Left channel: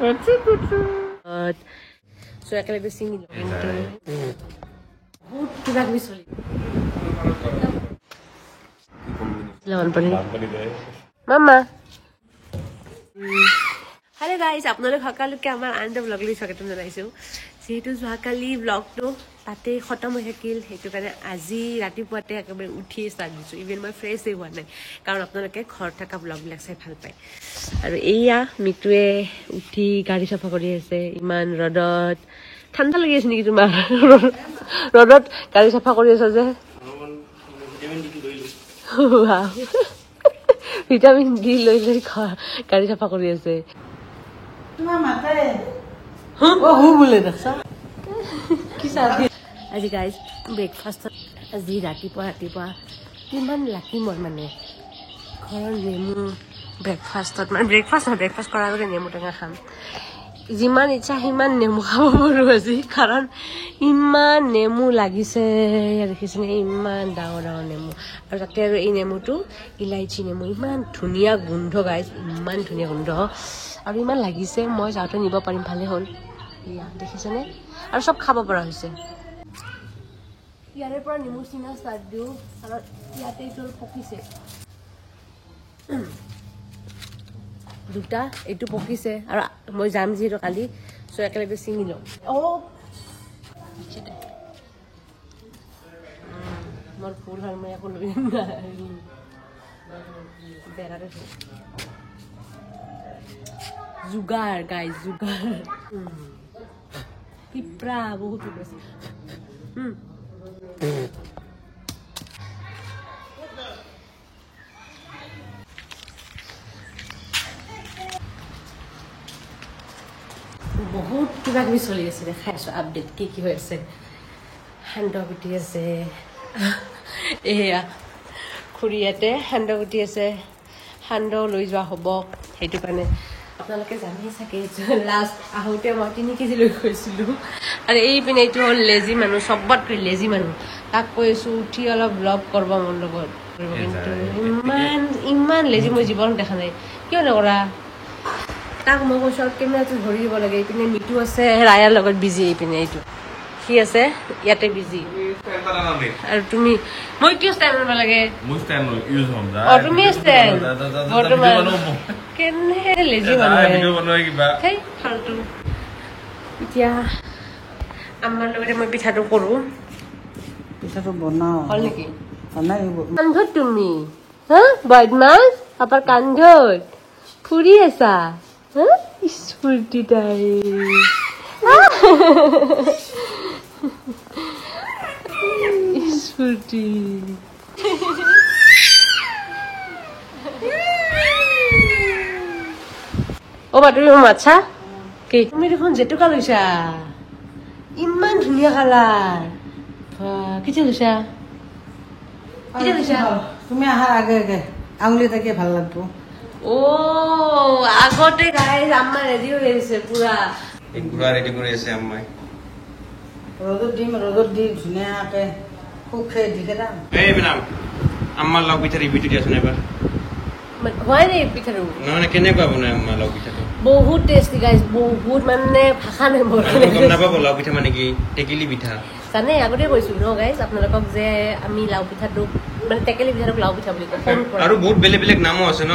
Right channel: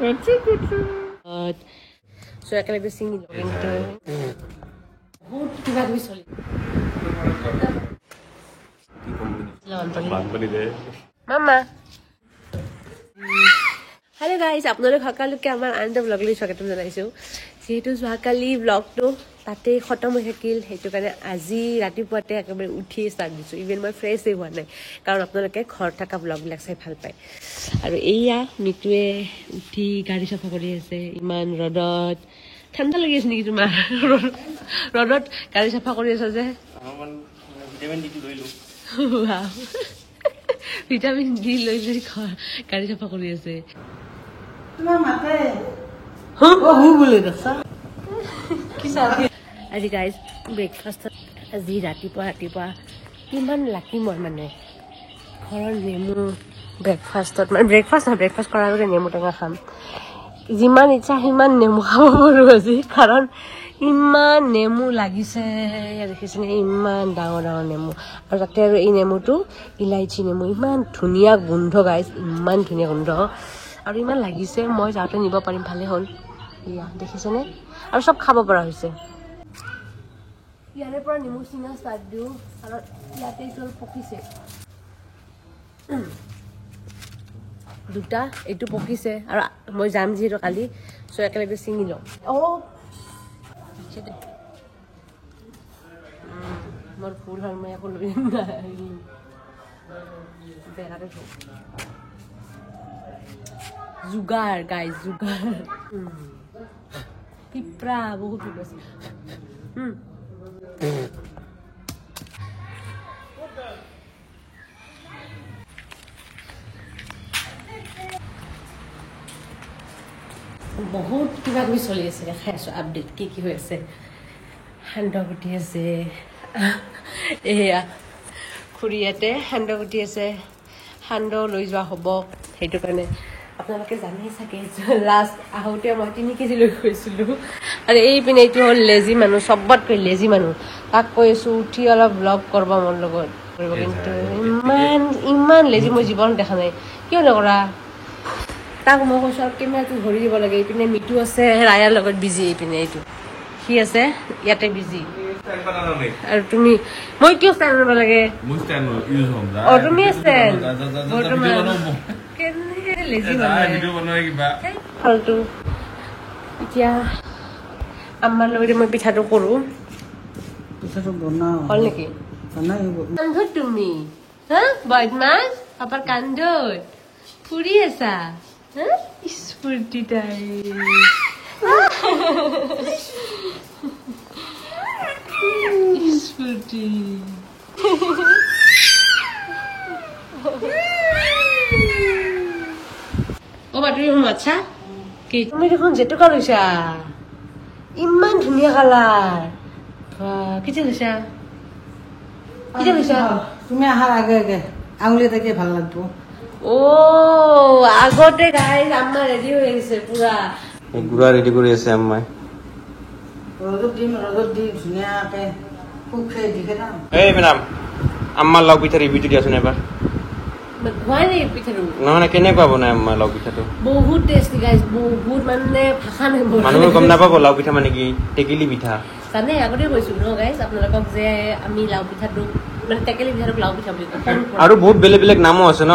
So ekelege singi বহুত কিবা কিবি চলি মামা হেল্ল' গাইজ আপোনালোক সকলোকে আমাৰ আন এটা ব্লগলৈ স্বাগতম জনাইছোঁ যিহেতু যোৱাকালি ব্লগটো তাতেই খতম হৈ থাকিল সেইটো কাৰণে আজি ৰাতিপুৱাতে একেবাৰে উঠি ষ্টাৰ্ট দিছোঁ ইভেন মই ফ্ৰেছেই হোৱা নাই কাৰণ আপোনালোকে ঘৰত থকা ব্লগবিলাক চাই ভাল পায় আৰু এয়া মিতুৱে উঠি গাড়ী চাফা কৰি আছে ইমান ৰ'দত ঠাণ্ডা লাগি আছে নেকি তোমাৰ ৰ'দত গাড়ী চাফা কৰি আছা যে ভিটামিন ডি লৈ গাড়ী চাফা কৰি আছে আজি গাইজ ব্ৰেকফাষ্টত আজি ৰাতিপুৱা কিমান লাকি মই মানে ঘৰৰ নেমু ব্ৰেকফাষ্টত মানে ব্ৰেকফাষ্ট কৰাৰ আগতে নেমু টেঙা খাম যিমান ইচ্ছা সিমান নেমু খাব পাৰোঁ আজি কাৰণ ইমান নেমু লাগিছে দেখিছেনে ইমান ডাঙৰ ডাঙৰ নেমু আৰু তাতে আৰু এই নেমুটো ইলাইচি নেমু ইমান ধুনীয়া গোন্ধ গাইজ ইমান ধুনীয়া গোন্ধ আৰু ইমান লাগিছে মই যাওঁতে নিব পাৰিম ভালে হ'ল ইয়া দেখিছেনে আৰু চব খাব পৰা হৈছে ইয়াৰে পৰা নেমু চিঙা ষ্টাৰ্ট দিওঁ আৰু ইয়াতে এইটো পকিছে দুটা এইটো পকিছে আৰু মই যাম যিহেতু কালি চ' একেলগে ছিঙি লওঁ মোৰ ফুল হয় মই একো লৈ বেৰাতে থওঁ যোগাৰ গাইজ যোগাৰ পিঁপৰা বহুত পিঁপৰা আছে বহুত কিবা কিবি চলি আছে দেখাই আছো আপডেট কি হৈ আছে সান্দহ গুটি আছে এয়া খুৰীয়াতে সান্দহ গুটি আছে সান্দহ লৈ যোৱা হ'ব সেইটো কাৰণে আপোনালোকে জানেই চাগে লাষ্ট আহোঁতে মই 3 কেজি লৈ গৈছিলোঁ আৰু এইপিনে এইটো হ'ল লেজি মানুহ চবতকৈ লেজি মানুহ তাক কৈ আছোঁ উঠি অলপ ব্লগ কৰিব মোৰ লগত কৰিব কিন্তু ইমান লেজি মই জীৱনত দেখা নাই কিয় নকৰা তাক মই কৈছোঁ আৰু কেমেৰাটো ধৰি দিব লাগে এইপিনে মিটু আছে ৰায়াৰ লগত বিজি এইপিনে এইটো সি আছে ইয়াতে বিজি আৰু তুমি মই কিয় ষ্টেণ্ড কৰিব লাগে তুমি ষ্টেণ্ড ফাল্টু এতিয়া আমাৰ লগতে মই পিঠাটো কৰোঁ পিঠাটো বনাওঁ হ'ল নেকি কান্ধত তুমি হা বদমাছ পাপাৰ কান্ধত ফুৰি আছা স্ফূৰ্তি তাই স্ফূৰ্তি অ' বা তুমি মাছা কি তুমি দেখোন জেতুকা লৈছা ইমান ধুনীয়া কালাৰ কেতিয়া লৈছা তুমি আহাৰ আগে আগে আঙুলি তাকে ভাল লাগব অ' আগতে গাইজ আম্মা ৰেডি হৈ আহিছে পুৰা ৰেডি কৰি আছে আম্মাই ৰ'দত দি ধুনীয়াকে শুকাই দি খেলাম এই মেডাম আম্মাৰ লাও পিঠা ৰিভিউটো দিয়াচোন এবাৰ হয় নে পিঠাটো নহয় কেনেকুৱা বনাই আম্মাৰ লাও পিঠাটো বহুত টেষ্টি গাইজ বহুত মানে ভাষা নাই মানুহে গম নাপাব লাও পিঠা মানে কি টেকেলি পিঠা জানে আগতে কৈছো ন গাইজ আপোনালোকক যে আমি লাও পিঠাটো মানে টেকেলি পিঠাটোক লাও পিঠা বুলি কওঁ আৰু বহুত বেলেগ বেলেগ নামো আছে ন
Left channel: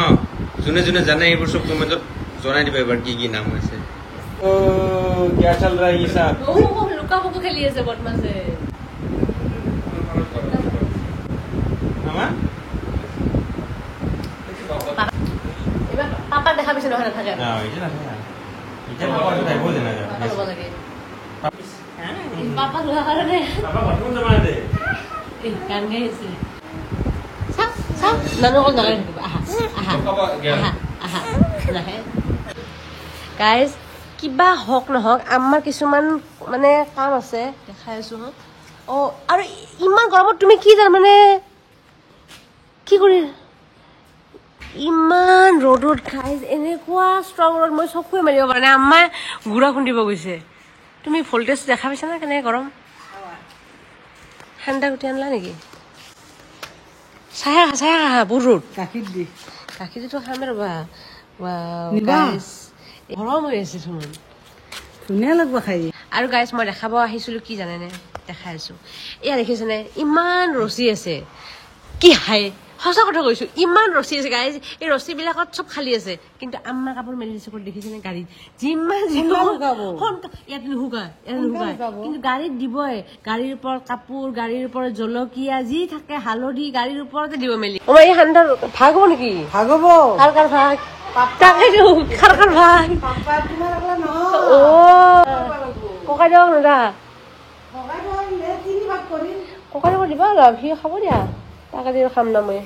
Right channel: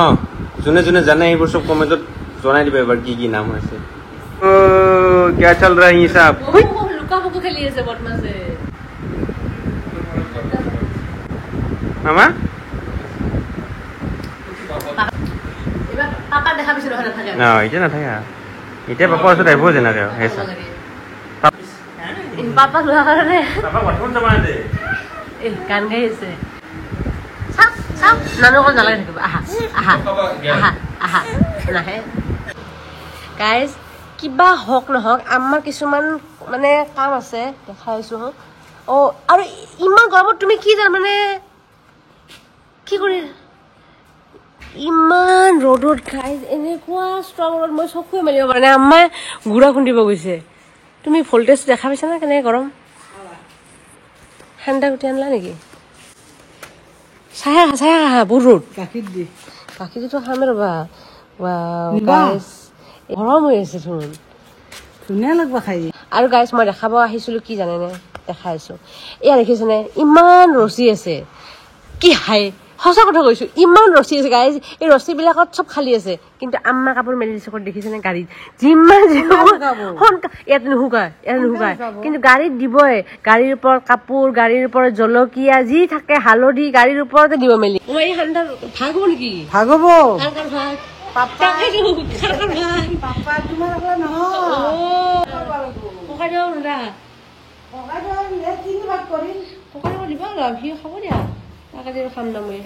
যোনে যোনে জানে এইবোৰ চব কমেণ্টত জনাই দিব এবাৰ কি কি নাম আছে क्या चल रहा है ये सब লুকা পুকু খেলি আছে বদমাছে মামা এবাৰ পাপা দেখা পিছে নহয় নাথাকে না এটা নাথাকে এতিয়া পাপা আছে আহিব যেনেকে পাপা লোৱা কাৰণে গান গাই আছে চাওক নানু অকল নালাগে থাকিব আহা আহা আহা আহা নাহে গাইজ কিবা হওক নহওক আমাৰ কিছুমান মানে কাম আছে দেখাই আছো অ' আৰু ইমান গৰমত তুমি কি জানা মানে কি কৰি ইমান ৰ'দত গাইজ এনেকুৱা ষ্ট্ৰং ৰ'দ মই চকুৱে মাৰিব পৰা নাই আম্মাই গুড়া খুন্দিব গৈছে তুমি ভল্টেজ দেখা পাইছা না কেনেকৈ গৰম ঠাণ্ডা গুটি আনলা নেকি চাহে বহুত ৰ'দ গাখীৰ দি গাখীৰটো খামে ৰ'বা ৱাও গাইজ গৰম হৈ আছে চোন ধুনীয়া লাগব খাই আৰু গাইছ মই দেখাব আহিছিলো কি জানেনে দেখাই আছো এয়া দেখিছেনে ইমান ৰছী আছে কি হাই সঁচা কথা কৈছো ইমান ৰছী আছে গাইছ এই ৰছীবিলাকত চব খালী আছে কিন্তু আম্মা কাপোৰ মেলি দিছে দেখিছেনে গাড়ীত যিমান ইয়াত নুশুকায় কিন্তু গাড়ীত দিবই গাড়ীৰ ওপৰত কাপোৰ গাড়ীৰ ওপৰত জলকীয়া যি থাকে হালধি গাড়ীৰ ওপৰতে দিব মেলি আমাৰ এই ঠাণ্ডা ভাগ হ'ব নেকি ভাগ হ'ব কাৰ কাৰ ভাগ তাকেতো কাৰ কাৰ ভাগ অ ককাই দিয়ক দাদা ককাই দিব অলপ সি খাব দিয়া তাকে দিব খাম না মই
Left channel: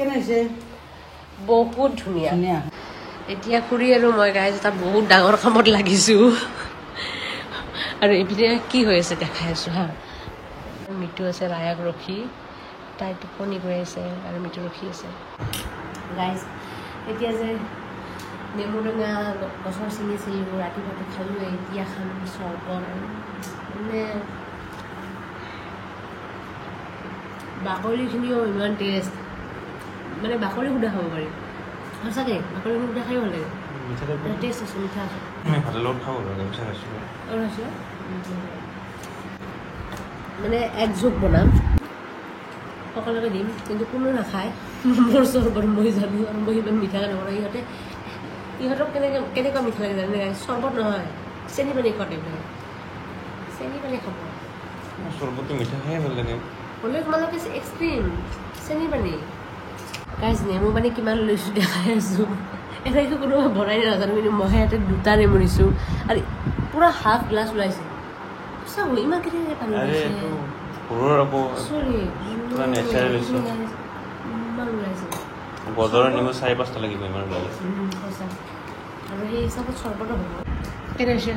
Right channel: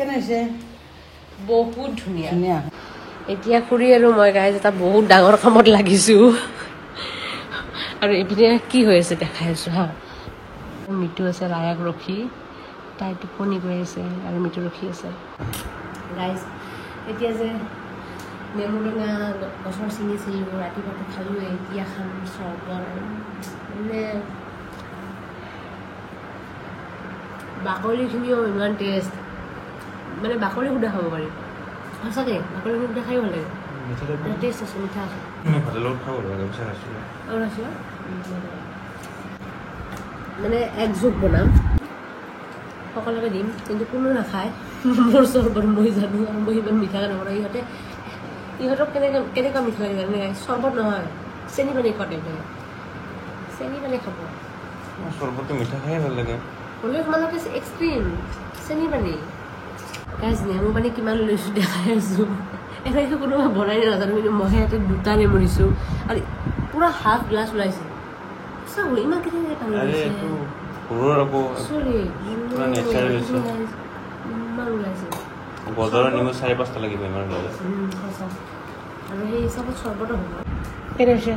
বহুত ধুনীয়া এতিয়া খুৰী আৰু মই গাইজ এটা বহুত ডাঙৰ কামত লাগিছো আৰু এইপিনে কি হৈ আছে দেখাই আছো হা মিঠু আছে ৰায়াক ৰখি তাই টোপনি গৈ আছে আৰু মিঠু ৰখি আছে গাইজ এতিয়া যে নেমু টেঙা গছৰ ছিঙিছিলোঁ ৰাতিপুৱাতে খালোঁ এতিয়া খাম চৰবত আৰু মানে বাকলিখিনিও ইমান টেষ্ট মানে বাকলি সুধা খাব পাৰি সঁচাকে বাকলি সুধা খাই ভাল লাগে টেষ্ট আছে মিঠা আছে মানে এক যোগ বনাম সকলোকে দিম কিন্তু কোনো নাখায় মোৰ চৰবত মই জানো আৰু মই ইমান মিঠাকে নবনাওঁ ইহঁতক কেনেকুৱা মিঠা লাগে জানে চৰবত নহয় চেনি পানী খোৱা টাইপ লাগে চেনি পানী খাব চৰবতটো মিঠা খাই ভাল লাগে হ'লেও তোমালোকে এক্সট্ৰিম চেনি পানী গাইজ নেমু পানী কিমান লৈছোঁ দেখাই আছোঁ এনেকৈ কোনোবা বনাই নাজানো কিন্তু মইহে ইয়াতে দুটা নেমু দিছোঁ আৰু পূৰা হাফ গ্লাছ ওলাইছে চাব ইমান কেনেকৈ পানী ওলাইছে চৰি ইমান ওলাইছে বজাৰৰ নেমু 4-5টা লাগিব ইমান ওলালে সঁচা আৰু সেই হিচাপত চৰ্বতো হ'ব কেনে হৈছে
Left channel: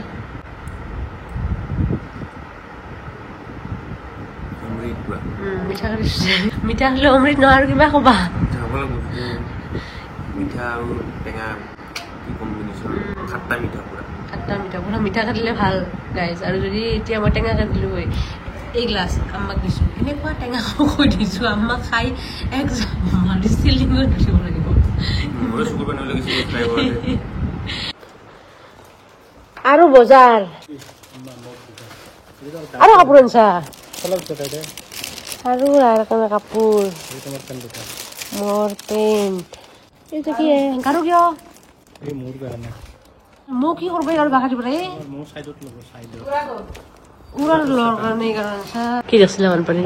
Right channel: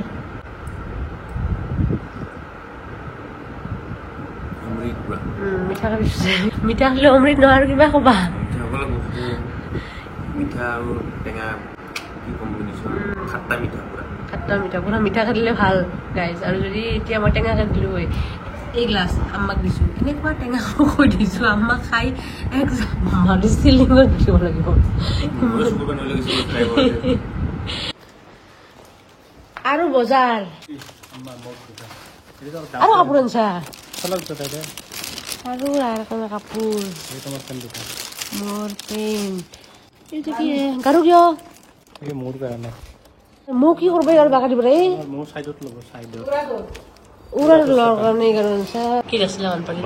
মিঠা মিঠা খালে অমৃত নহয় আৰু কিবা ক'বা মিঠা আৰু টেঙা কি কম্বিনেশ্যন খাট্টা মিঠা পুৰা মিঠা খাটিলে ভাল গাইজ আৰু যদি এতিয়া মই টেঙা কাটিলোঁ হয় এই গ্লাছ আম্মাক দিছোঁ এনেকুৱা টেঙা কৈ দিছোঁ আম্মাক খাই এক চিলিঙত দিব লাগিব আৰু বজাৰ আৰু কাপোৰ আনছা আৰু কাপোৰ মোৰ পেণ্ট এইটো কি গাড়ী দিয় মোৰ কাৰণে মোক কি কৰিব ইয়াৰ বাগা দিব মোৰ চাইডত ল'ব চাইডত কি দেখিছিলে বানপানী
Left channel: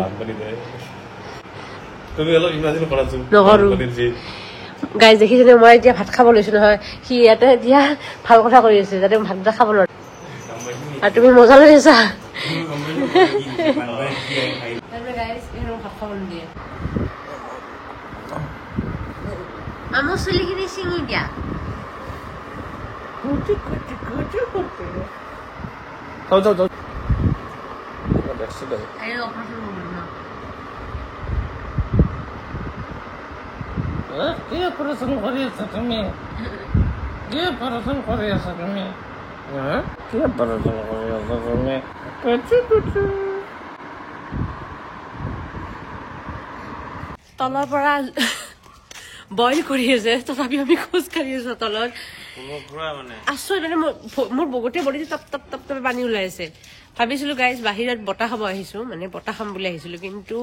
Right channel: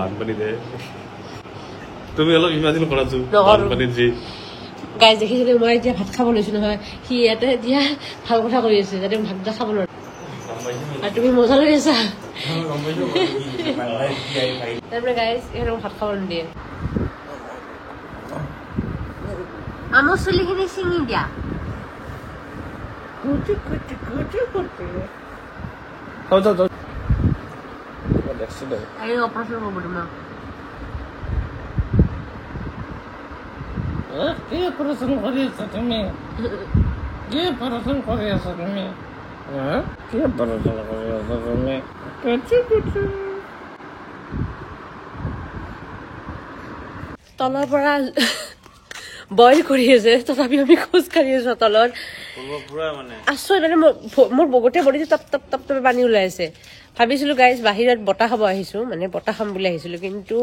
তুমি অলপ ইমাজিন কৰাটো বানপানীত যি গাইজ দেখিছেনে মই এতিয়া ভাত খাব লৈছো নহয় সি ইয়াতে এতিয়া ভাল কথা কৰি আছে যাতে ভাত এটা খাব নোৱাৰে আৰু তুমি মজা লৈ আছা তাৰপৰা গাইজ এইবিলাক ভাত খাব নিদিয়ে আমাৰ চুলিখিনি ছিঙি দিয়া অপাৰেশ্যন কৰিব দিম কি অপাৰেশ্যন কৰি আছা তুমি কি অপাৰেশ্যন কৰি আছা তুমি তলৰ পৰা বইল কৰি আছে তথাপি আমি খোজ কাঢ়ি আছো তলত আচৰিত মানে মোৰ গোটেই বডিটো টপ টপ টপ টপ পানী ওলাই আছে ভাবিছিলো গাইজ বাহিৰত বতাহ খাব আহিছো মানে বতাহ খাম বুলি আহিছিলো কিন্তু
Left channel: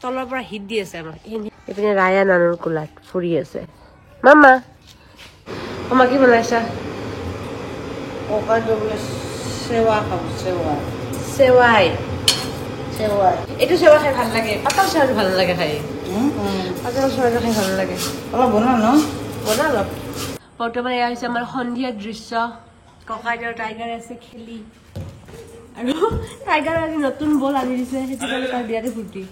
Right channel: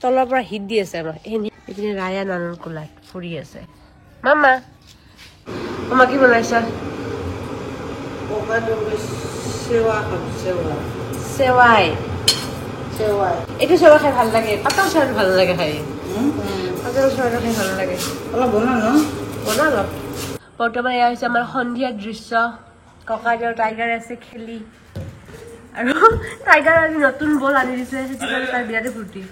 তলৰ পৰা হিট দি আছে আমাৰ এইপিনে ৰায়া নানুৰ কোলাত ফুৰি আছে মামা মামা কি বনাইছা চেৱাই এইটো চেৱা খাই ভাল লাগে পাতল চেৱাটো ভাল লাগে খাই পাতল চেৱাটো খাই ভাল লাগে অলপ বনা ন বনা অলপ বৰ্তমান এয়া হৈছে আমাৰ সন্ধিয়া দৃশ্য ককাইদেউ আৰু টাইগাৰ আছে খেলি আৰু টাইগাৰ আজি নতুন বল আনি দিছে সেইটো কাৰণে তাৰ বিৰাটে ফূৰ্তি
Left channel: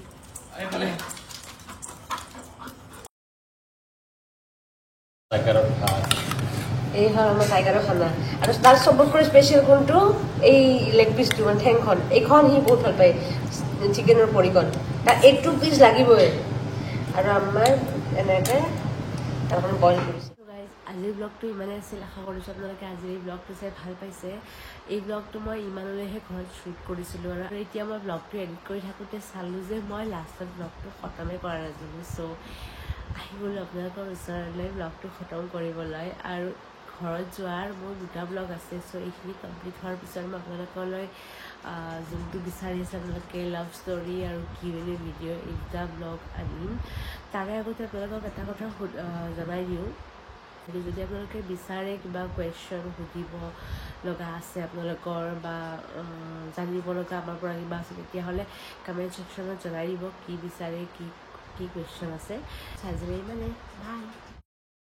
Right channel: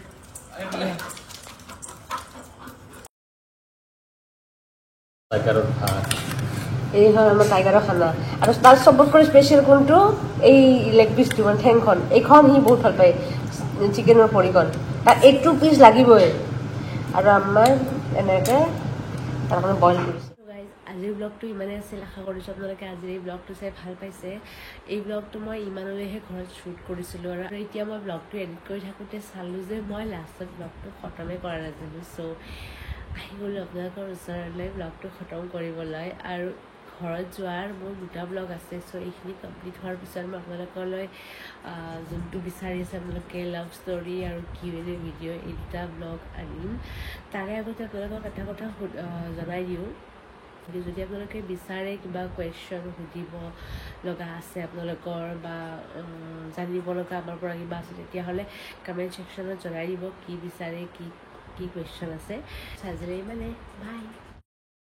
এই হয় আমাৰ টাইগাৰৰ খানা আৰু তাৰ চবতকৈ স্পেচিয়েল কোনটো এই লেগ পিচটো মানে ঠেংখন এইখন সি বহুত ভাল পায় চিকেনৰ পৰিকণ তাৰ 8 পিচ লাগিবই আৰু আমাৰ এনেকৈ তাৰমানে বইল কৰিছে আজিৰ ব্লগটো ইমানেই আছিল আশা কৰিছোঁ আপোনালোকে আজিৰ এই ব্লগটো চাই ভাল পাইছে এই ব্লগটো মই ইমানলৈহে ঘৰত শ্বুট কৰিছিলোঁ আৰু এতিয়া মই ব্লগটো এডিট কৰি থাকোঁতে চালোঁ যে মই লাষ্টত ব্লগটো খতমেই কৰা নাছিলোঁ চ' আহি গ'লোঁ আপোনালোকৰ ওচৰলৈ ব্লগটো খতম কৰিবলৈ আৰু ঘৰত যোৱাৰ মোৰ 2টা ব্লগ আছে চ' এইখিনি কমপ্লিট হোৱাৰ পিছত মই আপোনালোকলৈ যোনটো বিচাৰি আছে আপোনালোকে লাভ ষ্টৰি আৰু Q&A ভিডিঅ' এই 2টা ব্লগ আনিম তাৰে আগতে আপোনালোকক এটা কথা জনাই দিওঁ যদি আপোনালোকে বিচাৰে কিবা কুৱেশ্যন সুধিব লগা আছে আপোনালোকৰ বা জানিব লগা আমাৰ পৰা কিবা আছে তেতিয়াহ'লে কমেণ্ট ছেকশ্যনত জনাই দিব কি বিচাৰে কি কুৱেশ্যন আছে চাৰ্জাৰী মানে বাই